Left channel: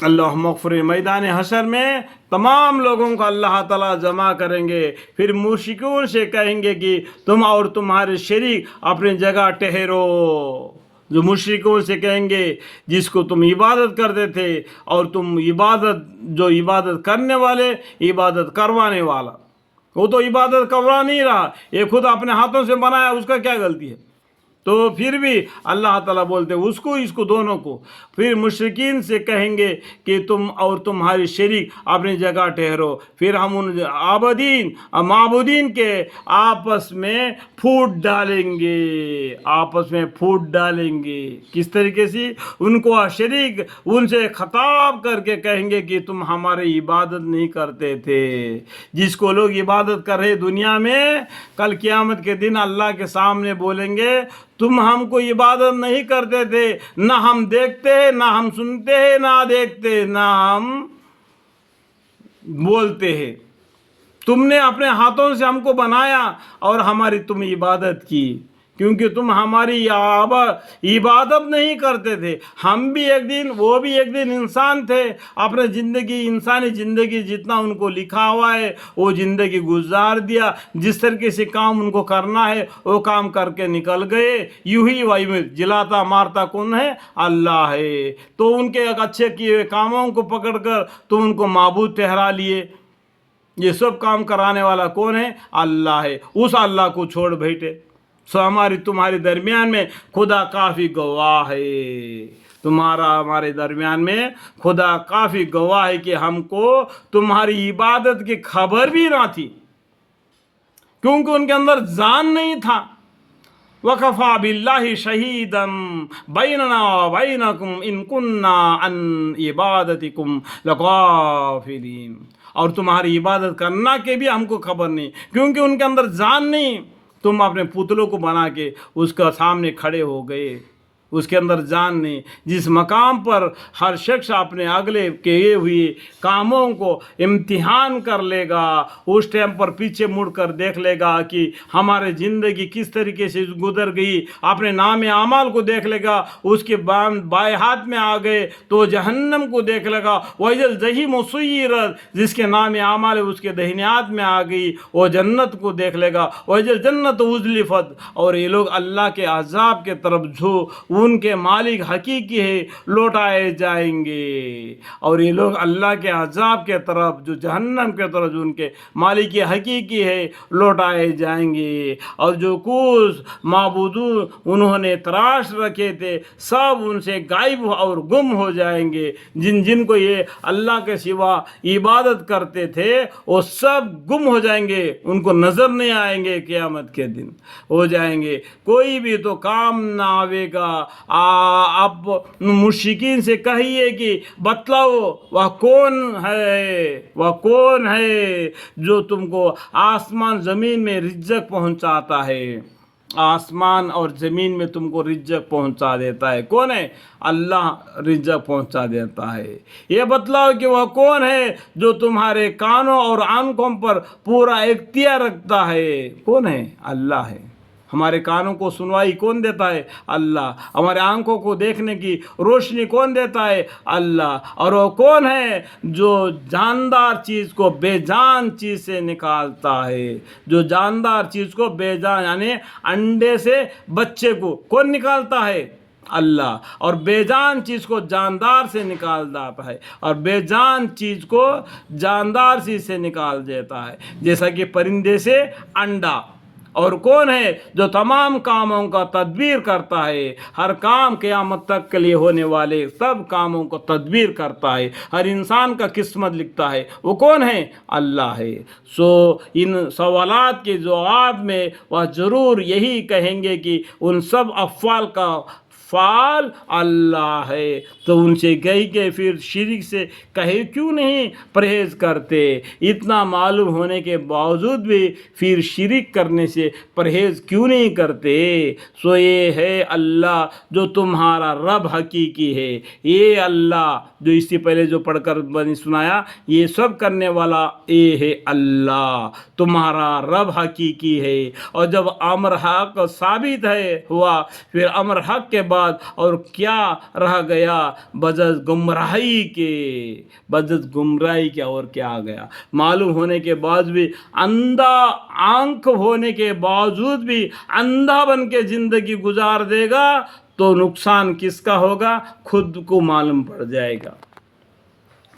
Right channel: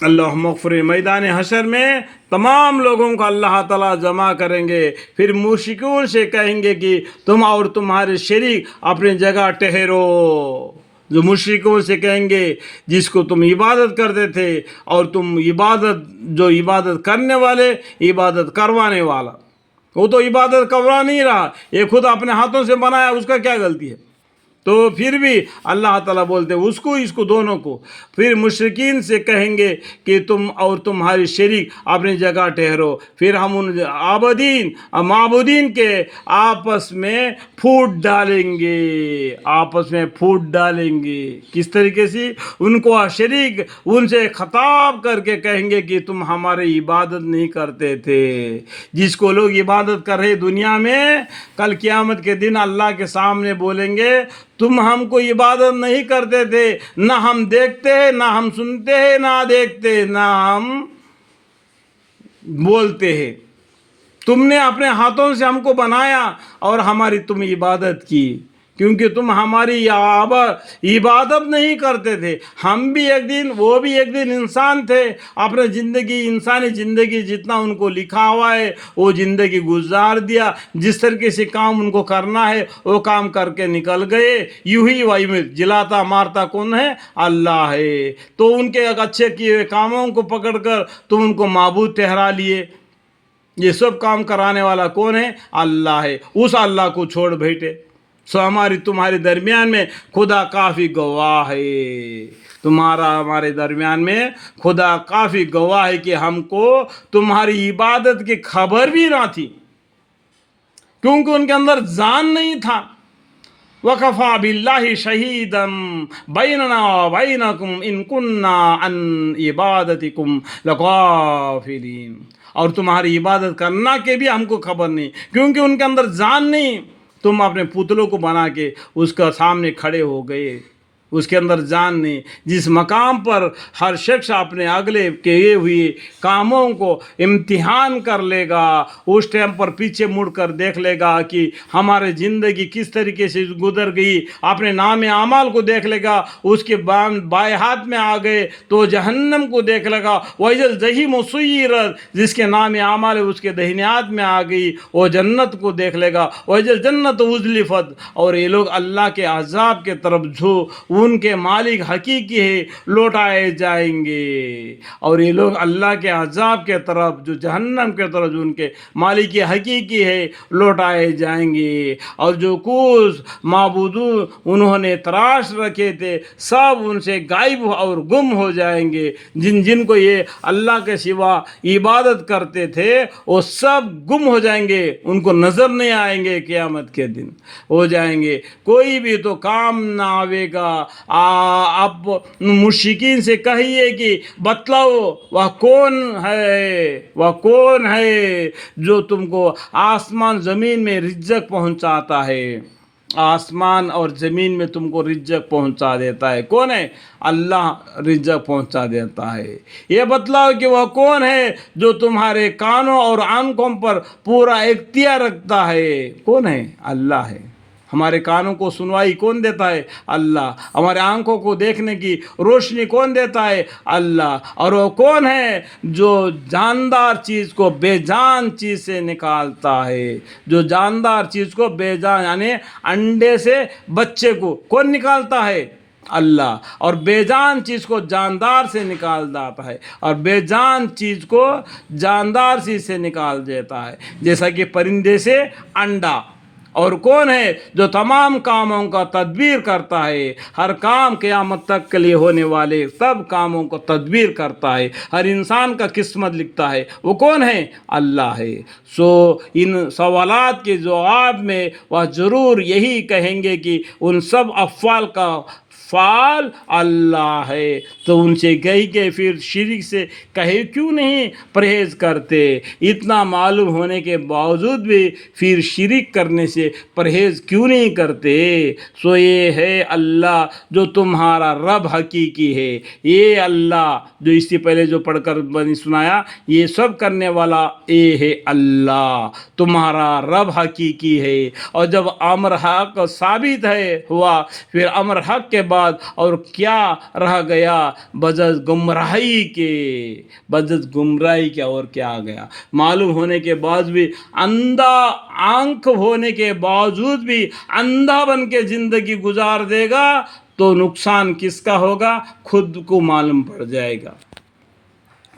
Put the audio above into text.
اللہ مغفر میدان حشر میں تمام لوگوں کو اللہ تعالیٰ جمع کریں گے، پھر مشرکون سے کہیں گے کہ تم اور تمہارے شریک اپنی جگہ ٹھہرو۔ جو مشرکوں سے کہیں گے جس کو تم عبادت کرتے تھے، اور تم جو عبادت کرنے والے، عبادت کروانے والا، وہ تو عبادت کروا نہیں رہا، یہ خود اپنے ہاتھوں سے بنایا، اس کا کیا غلطی ہے؟ تو پھر بھی اللہ تعالیٰ بولتے اس کو دونوں کو، پھر مشرکین سے کہیں گے کہ تم اور تمہاری شریک اپنی جگہ ٹھہرو، پھر ہم ان معبودین کے آپس میں پھوٹ ڈالیں گے۔ کس طریقے سے؟ ان کو شریک ان سے خطاب کر کے کہیں گے کہ تم ہماری عبادت نہیں کرتے تھے۔ جس کو لوگ عبادت کر رہے دنیا میں، کل قیامت کے دن اللہ کے سامنے بولیں گے تم ہم کو عبادت نہیں کرتے تھے، نہ ہم دیکھتے ہیں، نہ ہم سنتے ہیں، نہ دیکھتے، نہ ہم بولتے ہیں، تم نے اپنے ہاتھوں سے ہم کو بنایا اور ہماری تم عبادت کی، کیونکہ تم ہماری عبادت نہیں کرتے تھے۔ ہم بھی ایک دن، وہ بھی ایک دن انسان تھے، اپنے انسانی زندگی جتنا ان کو لکھا ہوا ہے وہ زندگی گزار دیا، جس طریقے سے کام ان کو کرنا ہے وہ کام کر کے نکل گئے۔ یوں ہی ویمت، جلاتا مارتا کون ہے؟ اللہ ہے۔ تو ان کے اچھے کیے ہوئے کاموں کو پکڑ کر تم ان کو معبود ٹھہرا لیے۔ یہ سب کام کرانے والا کون ہے؟ اللہ ہے۔ اس اللہ کو چھوڑ بیٹھے۔ تمہارے درمیان میں خدا کافی گواہ ہے، ہمارے درمیان میں خدا کافی گواہ ہے کہ ہم کو تمہاری عبادت کی خبر بھی نہ تھی، کیونکہ ان کے اندر جان نہیں تھا۔ وَكَفَى بِاللَّهِ شَهِيدًا بَيْنَنَا وَبَيْنَكُمْ إِن كُنَّا عَنْ عِبَادَتِكُمْ لَغَافِلِينَ۔ اور تمہاری عبادت کرنا کے بھی ہم کو خبر نہیں، کیونکہ ان کے اندر جان نہیں۔ تم اپنے پتلوں کو بنا کے اس کا سامنے کھڑے ہو گئے، اس کے اندر جان نہیں۔ جس مقام پر ہر شخص اپنے اگلے کیے ہوئے کاموں کو امتحان کر لے گا، اس ٹائم پر پیچھے مڑ کر دیکھ لے گا کہ ہمارے زندگی کس طریقے سے گزر گئی، اپنے نام اعمال کو دیکھ لے گا، اس کے بائیں ہاتھ میں آ گئے تو جہنم کو دیکھ لے گا، وَإِذَا الْجَحِيمُ سُعِّرَتْ، جس کے نام اعمال اس کے داہنے ہاتھ میں آ گئی وہ جنت کو دیکھ لے گا، وَإِذَا الْجَنَّةُ أُزْلِفَتْ۔ اور یہ لوگ اللہ کے عذاب کے طرف جو ان کے مالک حقیقی ہے لوٹائے جائیں گے، اور یہ لوگ اللہ کے عذاب کے طرف، جو جہنم کے طرف جو ان کے مالک حقیقی ہے لوٹائے جائیں گے۔ اور جو کچھ معبود انہوں نے تراش رکھے تھے سب ان سے غائب اور گم ہو جائیں گے۔ جن کو یہ اللہ کے سوا عبادت کرتے تھے وہ سب گم ہو جائیں گے، ان کو نظر نہیں آئیں گے، قیامت کے دن ہو جائیں گے، کوئی بھی تو کام نہ آئے گا۔ اب مشرکین سے کہیے کہ بتلاؤ وہ کون ہے جو تم کو آسمان زمین میں رزق پہنچاتا ہے، آسمان اور زمین میں تم کو رزق پہنچا دیتا ہے؟ کون ہے؟ اللہ رزق پہنچا دیتا ہے۔ یہ بتلاؤ کہ وہ کون ہے جو تمہارے کانوں اور آنکھوں پر پورا اختیار رکھتا ہے؟ کون ہے؟ اللہ ہے۔ ہمارے کانوں کو سنوائی کون دیتا ہے؟ اللہ۔ ہمارے آنکھوں کو دیکھنے کی روشنی کون دیتا ہے؟ اللہ۔ اور وہ کون ہے جو جاندار چیز کو بے جان چیز سے نکالتا ہے؟ جو جاندار چیز کو بے جان، یعنی انڈے سے بچے کو کون نکالتا ہے؟ اللہ۔ اور بے جان چیز کو جاندار سے نکال دیتا ہے، اور بے جان چیز کو جاندار چیز سے نکال دیتا ہے، جیسا کہ پرندے سے انڈا۔ اور کون ہے جو تمام کاموں کا تدبیر کرتا ہے؟ ہر کام قیامت تک کے لیے ہونے والے سب کاموں کو تدبیر کرتا ہے، ہر انسان کا قسمت لکھتا ہے، وہ کون ہے؟ اللہ ہے۔ ان سوالات کے جواب میں وہ ضرور یہی کہیں گے کہ ان سب افعال کا فعال اللہ ہے۔ تو ان سے گئی کہ پھر شرک سے کہیں کیوں نہیں پرہیز کرتے؟ اتنا معلوم ہونے کے باوجود بھی پھر شرک کرنے سے پرہیز کیوں نہیں کرتے؟ یہ ہے اللہ جو تمہارا رب حقیقی ہے۔ یہ اللہ جو اس سے پہلے جو پڑھ کر بنی سنایا، یہ سب کرنے والا یہ ہے اللہ، تمہارا رب حقیقی ہے۔ اور جب امر حق ثابت ہوا، پھر امر حق کے بعد بعد اور کیا رہ گیا بجز گمراہی کے، بجز گمراہی کے اور کیا آ گیا؟ معلوم ہونے کے بعد بھی اندھا، آنکھ ہونے کے باوجود بھی اندھا بن کے زندگی گزار دے گا تو نقصان کس کا ہوگا؟ خود کو معلوم پڑ جائے گا۔